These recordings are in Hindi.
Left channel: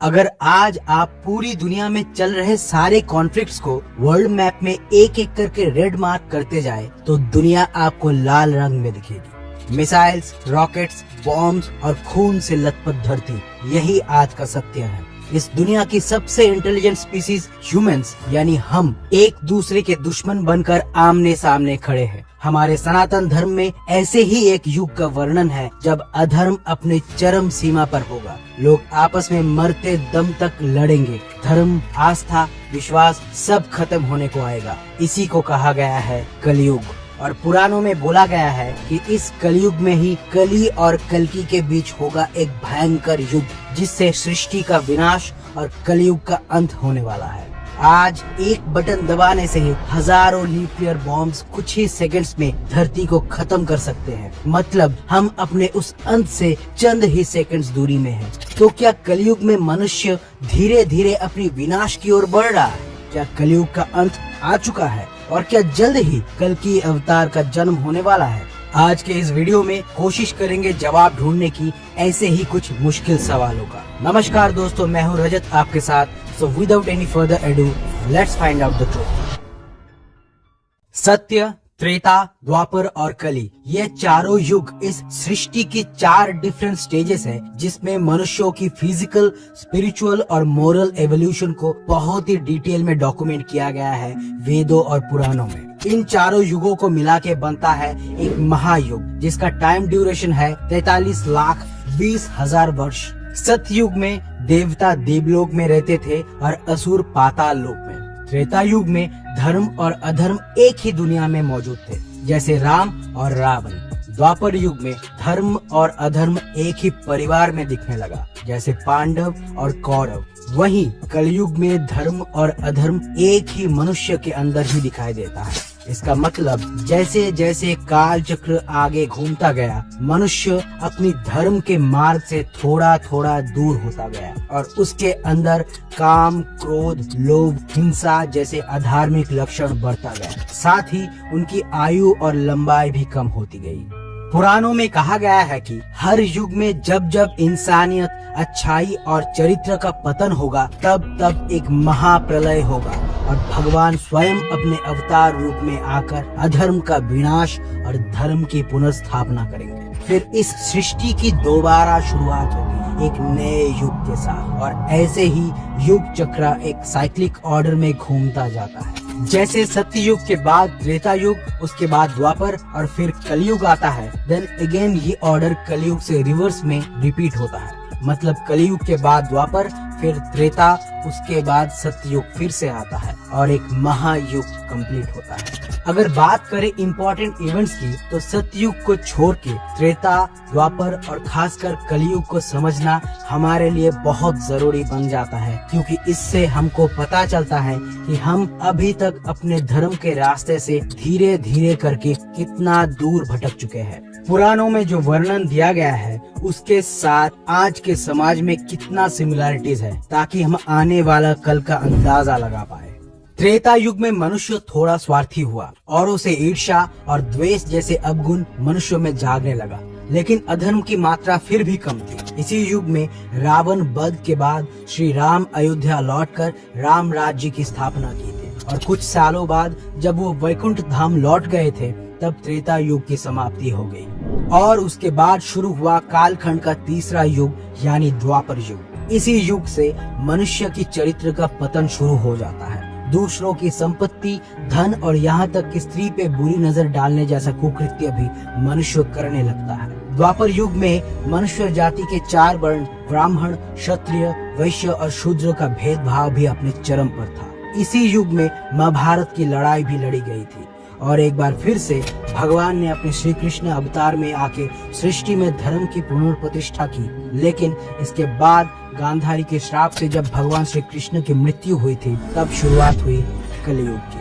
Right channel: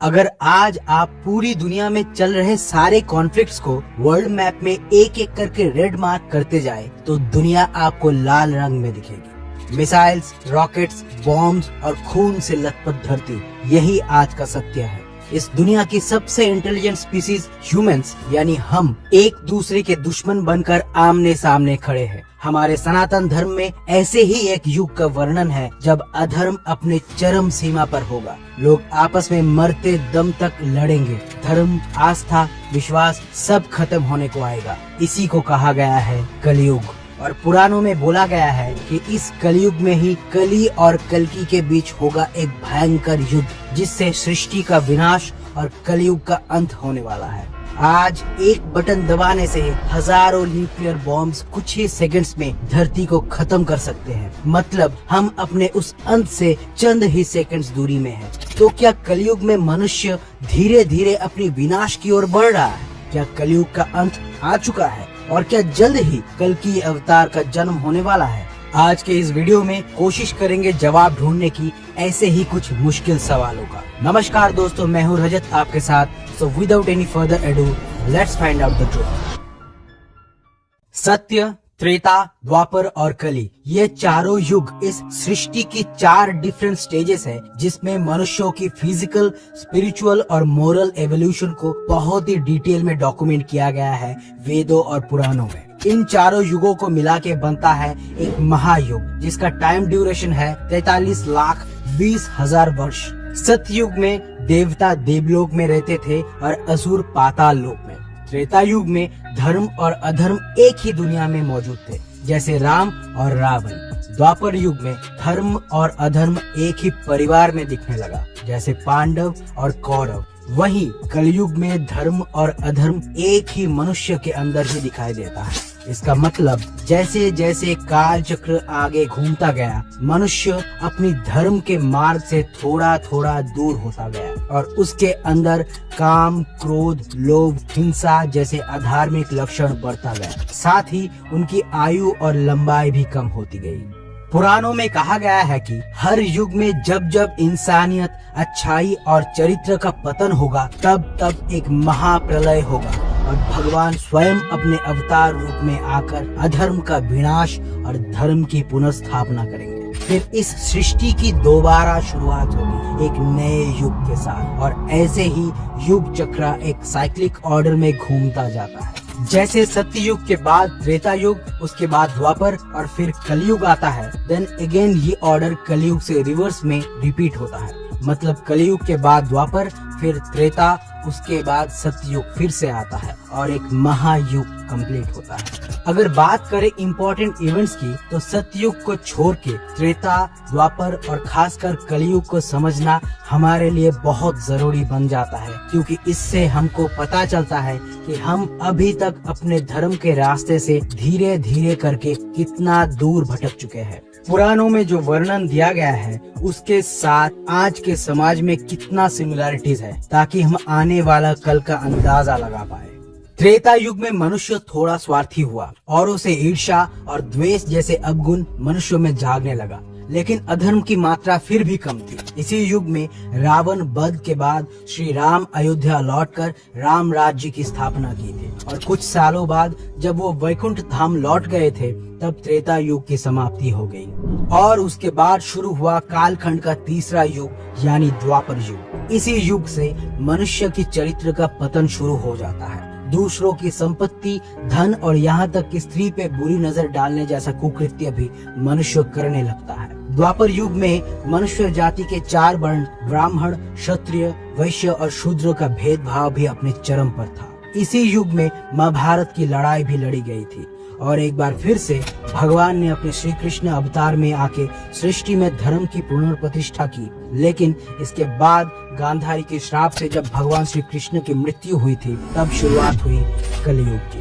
अगर आज आप पूरी दुनिया में चल रहे सारे कॉन्फ्लिक्ट्स को वर्ल्ड मैप में एक एक करके रेड मार्क करते जाए तो दुनिया आपको लाल रंग में दिखेगी। मिसाइल्स, रॉकेट्स, बॉम्ब्स और खून से लथपथ धरती, यही आज का सत्य है। इस दुनिया की सबसे इंटेलिजेंट स्पीसीज ह्यूमंस यानी हम एक दूसरे के दुश्मन बनकर आमने सामने खड़े हैं। हमारे सनातन धर्म में ऐसे ही एक युग का वर्णन है जब अधर्म अपने चरम सीमा पर होगा। लोग आपस में मरते दम तक लड़ेंगे। धर्म, आस्था, विश्वास सब खत्म होने को आएगा। इसी को कहा गया है कलयुग। और पुराणों में बोला गया है कि इस कलयुग में ही कली और कल्कि के बीच होगा एक भयंकर युग, जिससे सृष्टि का विनाश और कलयुग का अंत होने वाला है। आज एक बटन दबाने से ही हजारों न्यूक्लियर बॉम्ब्स कुछ ही सेकंड्स में धरती को खत्म कर सकते हैं। मतलब हम अपने उस अंत से चंद ही सेकंड्स दूरी में हैं। तो क्या कलयुग में मनुष्य धीरे धीरे अपनी विनाश की ओर बढ़ रहा है? क्या कलयुग का अंत आ चुका है? और क्या जल्द ही कल्कि अवतार का जन्म होने वाला है? आज के इस वीडियो में कोशिश करेंगे जवाब ढूंढने की ऐसे ही कुछ मुश्किल सवालों का। नमस्कार दोस्तों, मैं हूँ रजत आपके साथ। So without any further edu, let's find out the truth. सत्य, त्रेता, द्वापर और कली, ये चारों युग इस सृष्टि की 4 डिफरेंट स्टेजेस है, जिसमें मनुष्यों की फिजिकल, स्पिरिचुअल और मोरल एवोल्यूशन को बहुत ही डिटेल में डॉक्यूमेंट किया गया है वेदों और पुराणों में। इन चारों युगों को मिला के बनता है एक महायुग, जिसका टाइम ड्यूरेशन है 43,20,000 वर्ष। सतयुग में देवता देवलोक में रहते थे और असुर पाताल लोक में। त्रेता युग में धर्म और अधर्म एक ही दुनिया में मौजूद थे, जैसे राम और रावण। द्वापर युग में धर्म और अधर्म एक ही परिवार में दिखने लगा, जैसे पांडव और कौरव। वहीं कलयुग में धर्म और अधर्म एक ही मनुष्य के अंदर ही दिखाई देता है। इसका मतलब जैसे जैसे काल चक्र आगे घूमता गया, मनुष्य अपनी धर्म के मार्ग से थोड़ा थोड़ा दूर होता गया और उसके अंदर काम, क्रोध, लोभ, हिंसा जैसे अधार्मिक लक्षण बढ़ता गया। साथ ही उनकी आयु और लंबाई भी कम होती गई। पुराणों में कहा गया है कि हर युग में जब जब इंसानियत, अच्छाई और चरित्र का पतन होगा, तब तब एक महाप्रलय होगा और भगवान स्वयं अपने अवतार रूप में आकर अधर्म का विनाश और धर्म की पुनर्स्थापना करेंगे। फिर इस सृष्टि की दोबारा शुरुआत होगी एक नए युग के साथ। और ऐसे ही युग चक्र एक साइक्लिक ऑर्डर में घूमता जाता है। जैसे सत्ययुग के बाद त्रेता युग, उसके बाद द्वापर और फिर कलयुग आता है, देन अगेन ये ऑर्डर कलयुग से रिवर्स में रिपीट होता है। मतलब कलयुग के बाद द्वापर, फिर त्रेता, उसके बाद सतयुग फिर से आता है और एक महायुग कंप्लीट होता है। अगर बात करें इम्पोर्टेंट इवेंट्स की, तो सतयुग को छोड़ के त्रेता, द्वापर और खासकर कलयुग को समझना हमारे लिए बहुत जरूरी बन जाता है, क्योंकि इससे हमको पता चलता है कि हम अभी तक अपने धर्म के रास्ते से धीरे धीरे करके कितना दूर भटक चुके हैं। पुराणों में जो वर्णन दिया गया है उसके साथ आज के समाज में कितना सिमिलरिटीज है, ताकि हम आने वाला कल का अंदाजा लगा पाए। त्रेता युग में मनुष्य थोड़ा स्वार्थी हुआ, औरों से ईर्ष्या और द्वेष जैसे अवगुण मनुष्यों में जागने लगा, लेकिन अधर्म की मात्रा फिर भी कम थी। इसी युग में रावण वध के बाद श्री राम अयोध्या लौटकर राम राज्य की स्थापना की थी और कुछ सालों बाद जब वो वैकुंठ धाम लौट गए थे, तब त्रेता युग की समाप्ति हो गई और उसके बाद शुरू हुआ कालखंड का तीसरा युग यानी द्वापर युग। इसी युग से मनुष्य की चरित्र का पतन शुरू हो जाता है। दूसरों की संपत्ति, धन और यहाँ तक कि स्त्री पे बुरी नजर डालने जैसा कुकृत्य भी मनुष्य करने लगता है। द्वापर युग में मनुष्य जाति के 4 वर्ण ब्राह्मण, क्षत्रिय, वैश्य और शूद्र का भेदभाव भी अपने चरम पर था। इसी युग में महाभारत की लड़ाई भी लड़ी गई थी और एक बार फिर से भगवान ने अपने श्री कृष्ण अवतार में आके सृष्टि में धर्म की पुनर्प्रतिष्ठा की। लेकिन इसके बाद गांधारी के श्राप से जब भगवान श्री कृष्ण की मृत्यु हुई थी, तब शुरुआत हुई कलयुग की।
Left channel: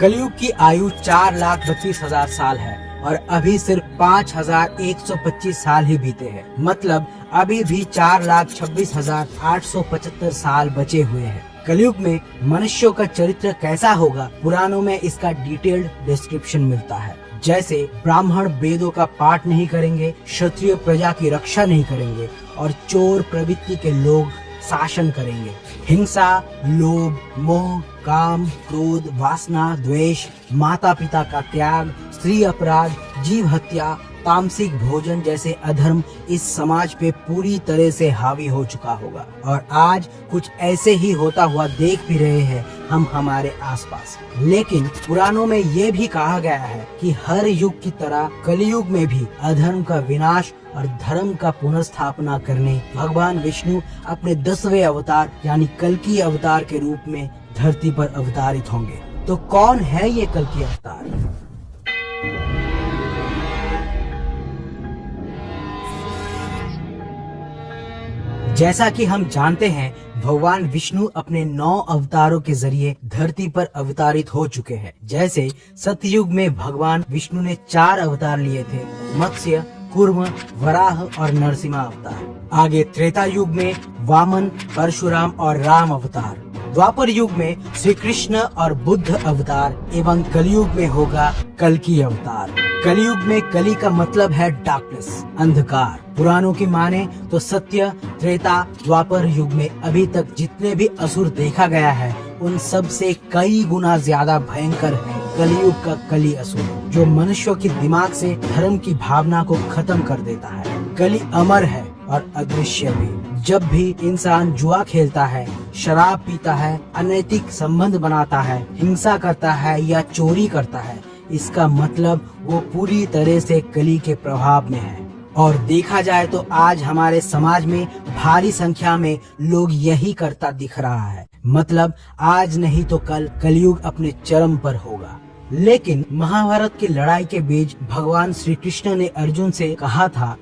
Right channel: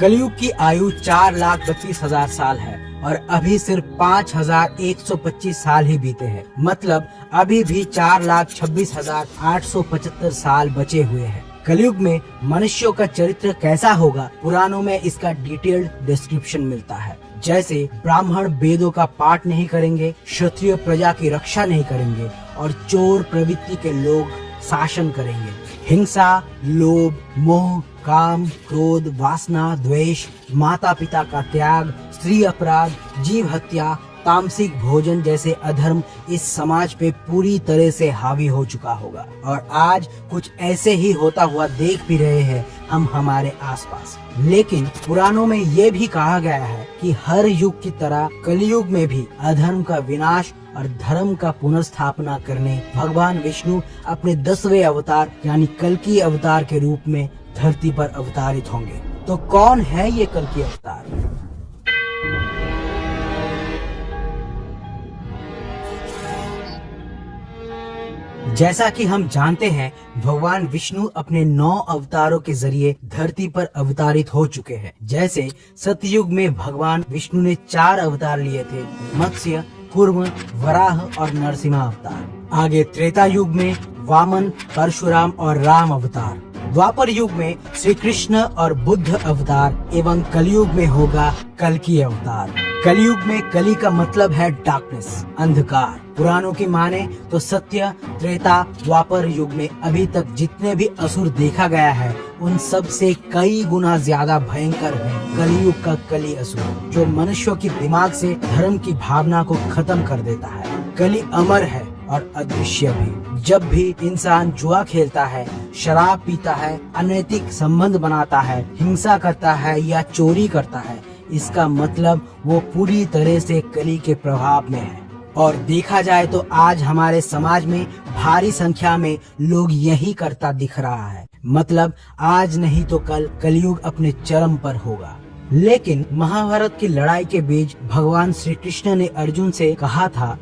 कलयुग की आयु 4,32,000 साल है और अभी सिर्फ 5,125 साल ही बीते हैं। मतलब अभी भी 4,26,875 साल बचे हुए हैं। कलयुग में मनुष्यों का चरित्र कैसा होगा, पुराणों में इसका डिटेल्ड डिस्क्रिप्शन मिलता है। जैसे ब्राह्मण वेदों का पाठ नहीं करेंगे, क्षत्रिय प्रजा की रक्षा नहीं करेंगे और चोर प्रवृत्ति के लोग शासन करेंगे। हिंसा, लोभ, मोह, काम, क्रोध, वासना, द्वेष, माता पिता का त्याग, स्त्री अपराध, जीव हत्या, तामसिक भोजन जैसे अधर्म इस समाज पे पूरी तरह से हावी हो चुका होगा। और आज कुछ ऐसे ही होता हुआ देख भी रहे हैं हम हमारे आसपास। लेकिन पुराणों में ये भी कहा गया है कि हर युग की तरह कलयुग में भी अधर्म का विनाश और धर्म का पुनर्स्थापना करने भगवान विष्णु अपने 10वें अवतार यानी कल्कि अवतार के रूप में धरती पर अवतारित होंगे। तो कौन है ये कल्कि अवतार? जैसा कि हम जानते हैं, भगवान विष्णु अपने 9 अवतारों के जरिए धरती पर अवतारित हो चुके हैं। जैसे सतयुग में भगवान विष्णु ने 4 अवतार लिए थे, मत्स्य, कूर्म, वराह और नरसिंह अवतार। आगे त्रेता युग में वामन, परशुराम और राम अवतार। द्वापर युग में श्री कृष्ण और बुद्ध अवतार एवं कलयुग में होगा कल्कि अवतार। कलयुग में कली का मतलब है डार्कनेस, अंधकार। पुराणों की माने तो सत्य, त्रेता, द्वापर युग में अभी तक जितने भी असुर देखा गया है उन सब से कई गुना ज्यादा भयंकर है कलयुग का कली असुर, जो मनुष्यों की दिमाग से धर्म की भावना को खत्म कर देता है। कली अमर है और अदृश्य भी। जब भी इंसान जुआ खेलता है, शराब पीता है, अनैतिक संबंध बनाता है, हिंसा करता है या चोरी करता है, इसका मतलब वो पूरी तरह से कली के प्रभाव में है। और देखा जाए तो आज हमारे समाज में भारी संख्या में लोग यही करता दिख रहा है। मतलब आज नहीं तो कल कलयुग अपने चरम पर होगा। लेकिन महाभारत की लड़ाई के बीच भगवान श्री कृष्ण ने अर्जुन से कहा था,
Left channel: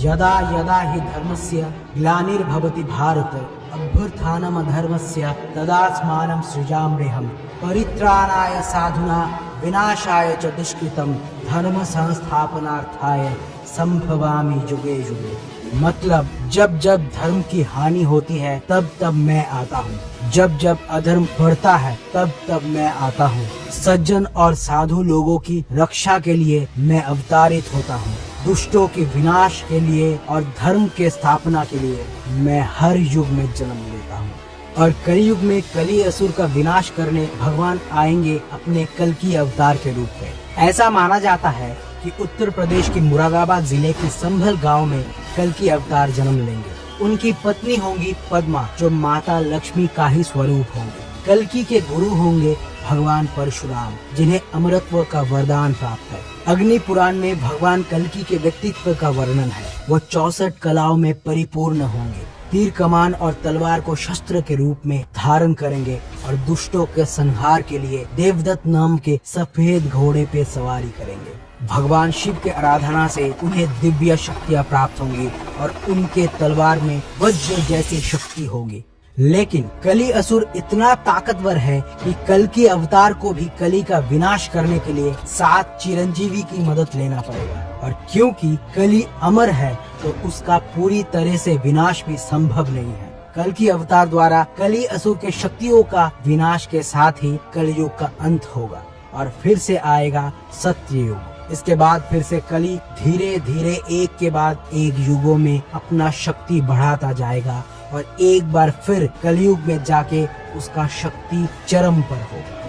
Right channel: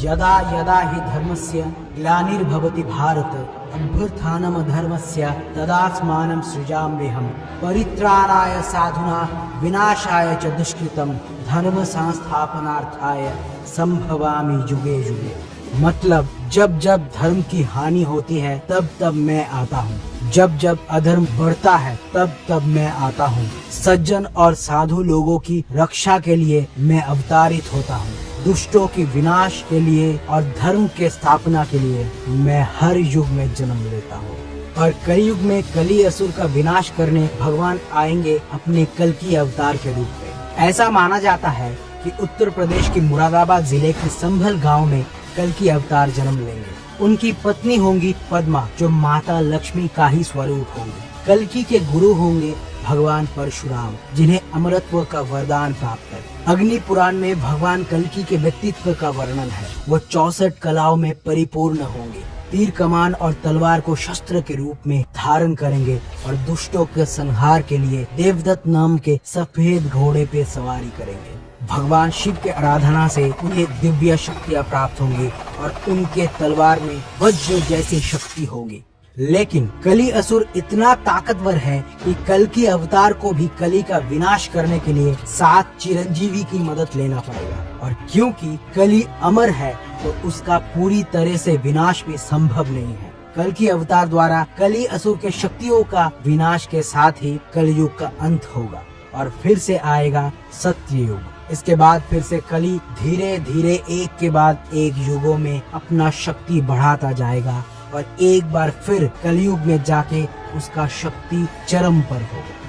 यदा यदा हि धर्मस्य ग्लानिर्भवति भारत अभ्युत्थानम् अधर्मस्य तदात्मानं सृजाम्यहम् परित्राणाय साधुना विनाशाय च दुष्कृतम् धर्म संस्थापनार्थाय संभवामि युगे युगे। मतलब जब जब धर्म की हानि होती है तब तब मैं आता हूँ, जब जब अधर्म बढ़ता है तब तब मैं आता हूँ। सज्जन और साधु लोगों की रक्षा के लिए मैं अवतारित होता हूँ। दुष्टों के विनाश के लिए और धर्म के स्थापना के लिए मैं हर युग में जन्म लेता हूँ। और कलयुग में कली असुर का विनाश करने भगवान आएंगे अपने कल्कि अवतार के रूप में। ऐसा माना जाता है कि उत्तर प्रदेश के मुरादाबाद जिले के संभल गांव में कल्कि अवतार जन्म लेंगे। उनकी पत्नी होंगी पद्मा, जो माता लक्ष्मी का ही स्वरूप होंगे। कल्कि के गुरु होंगे भगवान परशुराम, जिन्हें अमरत्व का वरदान प्राप्त है। अग्नि पुराण में भगवान कल्कि के व्यक्तित्व का वर्णन है। वो 64 कलाओं में परिपूर्ण होंगे। तीर कमान और तलवार को शस्त्र के रूप में धारण करेंगे और दुष्टों के संहार के लिए देवदत्त नाम के सफेद घोड़े पे सवारी करेंगे। भगवान शिव के आराधना से उन्हें दिव्य शक्तियाँ प्राप्त होंगी और उनके तलवार में वज्र जैसी शक्ति होगी। लेकिन कली असुर इतना ताकतवर है कि कल्कि अवतार को भी कली का विनाश करने के लिए 7 चिरंजीवी की मदद लेना पड़ेगा। और क्योंकि कली अमर है तो उसका पूरी तरह से विनाश भी संभव नहीं है। कल्कि अवतार द्वारा कली असुर के शक्तियों का विनाश के साथ ही कलयुग का अंत होगा और फिर से आएगा सत्य युग। इसके बाद फिर से कली धीरे धीरे एक के बाद एक युगों में अपना शक्ति बढ़ाता जाएगा और एक बार फिर कलयुग में जाके उसका शक्ति चरम पर होगा।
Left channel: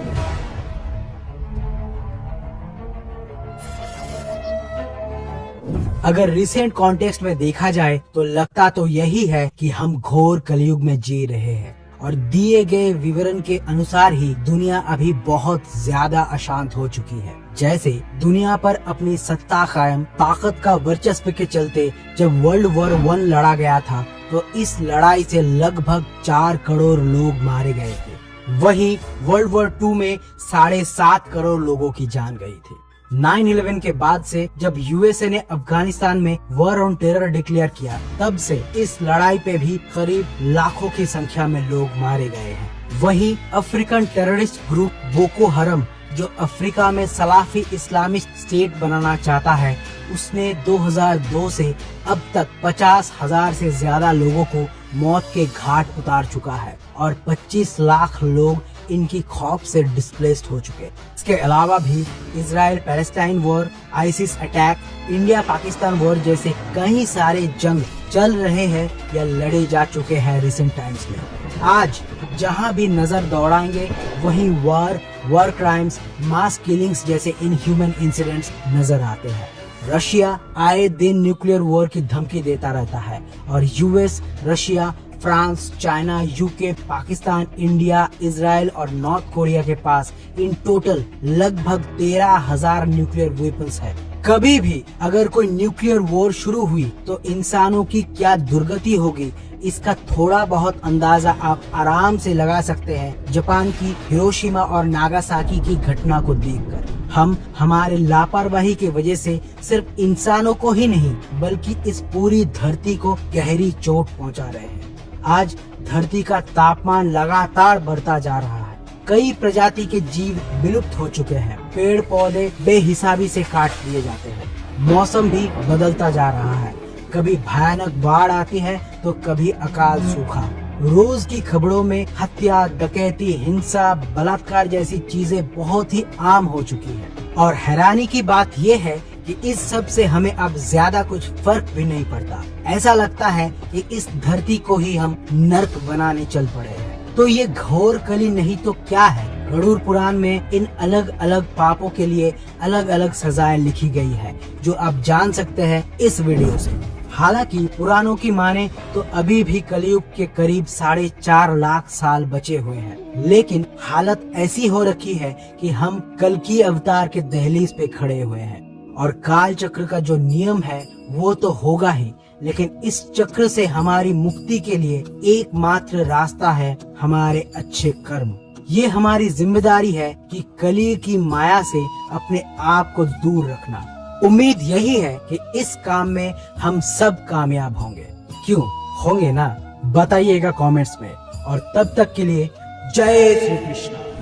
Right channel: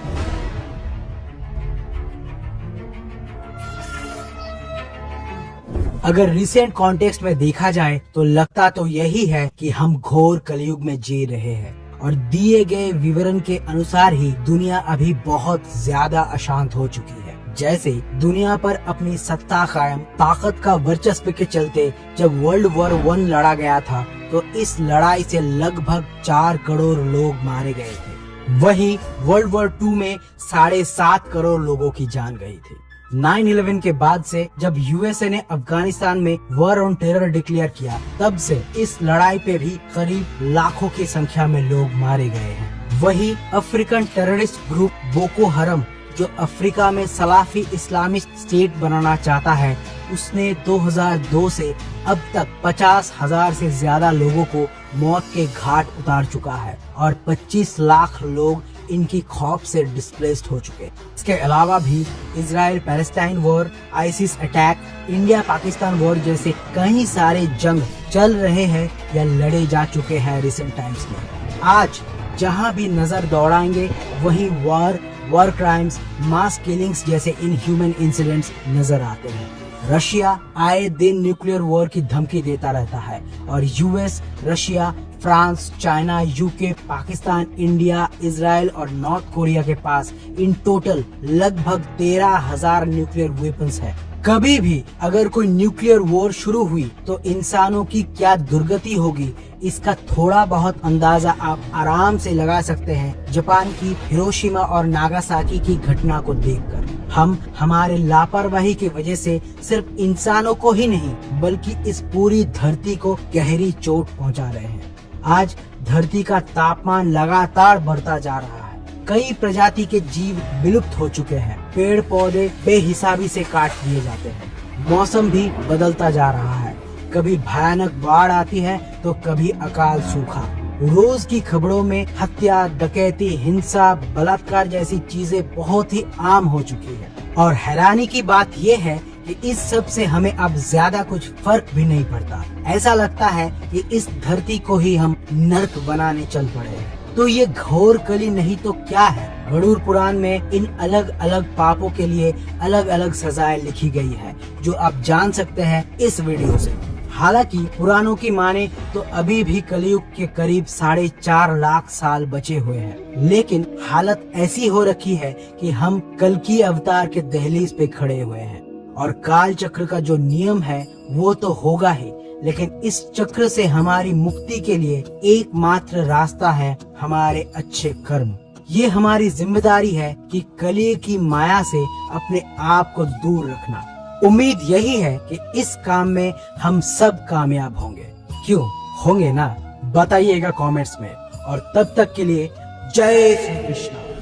अगर रिसेंट कॉन्टेक्स्ट में देखा जाए तो लगता तो यही है कि हम घोर कलयुग में जी रहे हैं और दिए गए विवरण के अनुसार ही दुनिया अभी बहुत ज्यादा अशांत हो चुकी है। जैसे दुनिया पर अपनी सत्ता कायम, ताकत का वर्चस्व के चलते जब वर्ल्ड वॉर 1 लड़ा गया था तो इस लड़ाई से लगभग 4 करोड़ लोग मारे गए थे। वहीं वर्ल्ड वॉर 2 में 7.5 करोड़ लोगों की जान गई थी। 9/11 के बाद से जब यूएसए ने अफगानिस्तान में वॉर ऑन टेरर डिक्लेयर किया, तब से इस लड़ाई पे भी करीब लाखों की संख्या में लोग मारे गए हैं। वहीं अफ्रीकन टेररिस्ट ग्रुप बोको हरम, जो अफ्रीका में सलाफी इस्लामिक स्टेट बनाना चाहता है, उसने 2002 से अब तक 50,000 से ज्यादा लोगों को मौत के घाट उतार चुका है और 25 लाख लोग इनकी खौफ से डिस्प्लेस्ड हो चुके हैं। इसके अलावा भी Israel Palestine war, ISIS attack, India Pakistan war जैसे कई सारे जंग चल रहे हैं या लड़े जा चुके हैं रिसेंट टाइम्स में। आज जहां भी नजर दौड़ाएंगे वही वॉर क्राइम्स, मास किलिंग्स जैसे इनह्यूमन इंसिडेंट्स नजर आते हैं। रशिया आए दिन न्यूक्लियर वॉर की धमकी देता रहता है और US, Russia, France, China, UK, Pakistan, India, Israel और नॉर्थ कोरिया के पास इन टोटल लगभग 13,000 न्यूक्लियर वेपन्स है। कभी भी अगर कोई न्यूक्लियर वॉर शुरू हुई तो इंसानों की क्या दुर्गति होगी, इसका थोड़ा बहुत अंदाजा आप आराम से लगा सकते हैं जापान की हिरोशिमा और नागासाकी की घटना को देखकर। हम हमारे लापरवाही की वजह से सिर्फ इंसानों को ही नहीं बल्कि इस पूरी धरती को गहरी चोट पहुंचा रहे हैं। आज धरती का तापमान लगातार बढ़ता जा रहा है। कई प्रजाति के जीव विलुप्त हो चुके हैं। पेड़ पौधे बेहिसाबी से काट दिए जाते हैं। मौसम भी बदलता जा रहा है। कभी भयानक बाढ़ आती है तो कभी अकाल सूखा। रोज की खबरों में हत्या, डकैती, हिंसा, बलात्कार जैसी चीजें बहुत ही आम हो चुकी है। और हैरानी की बात ये है कि इस सब से हमें अब ज्यादा कुछ फर्क भी नहीं पड़ता। ऐसा लगता है कि इस धरती को ही हम नर्क बनाने चल पड़े हैं। तो ये घोर कली नहीं तो क्या है? गरुड़ पुराण में इन अलग अलग पापों के लिए अलग अलग सजाएं लिखी गई है जो आप जान सकते हैं इस वीडियो से। हालांकि पुराणों की माने तो अभी भी कलयुग के करीब 4.5 लाख साल बचे हुए हैं, लेकिन हालत ऐसी हो रखी है कि हम कल्कि अवतार के दहलीज पे खड़े हुए हैं। और काल चक्र का जो नियम है वो तो होगा ही, लेकिन इस चक्र से हमारी मुक्ति के लिए एकमात्र रास्ता है हमारे अच्छे कर्म। ये हमारी जिम्मेदारी है कि कली की माया से अपने आप को दूर रखना। उम्मीद यही है कि इस काम में हम सब कामयाब होंगे। क्यों होंगे ना? बताइएगा कमेंट्स में। और तब तक के लिए जय श्री कृष्ण।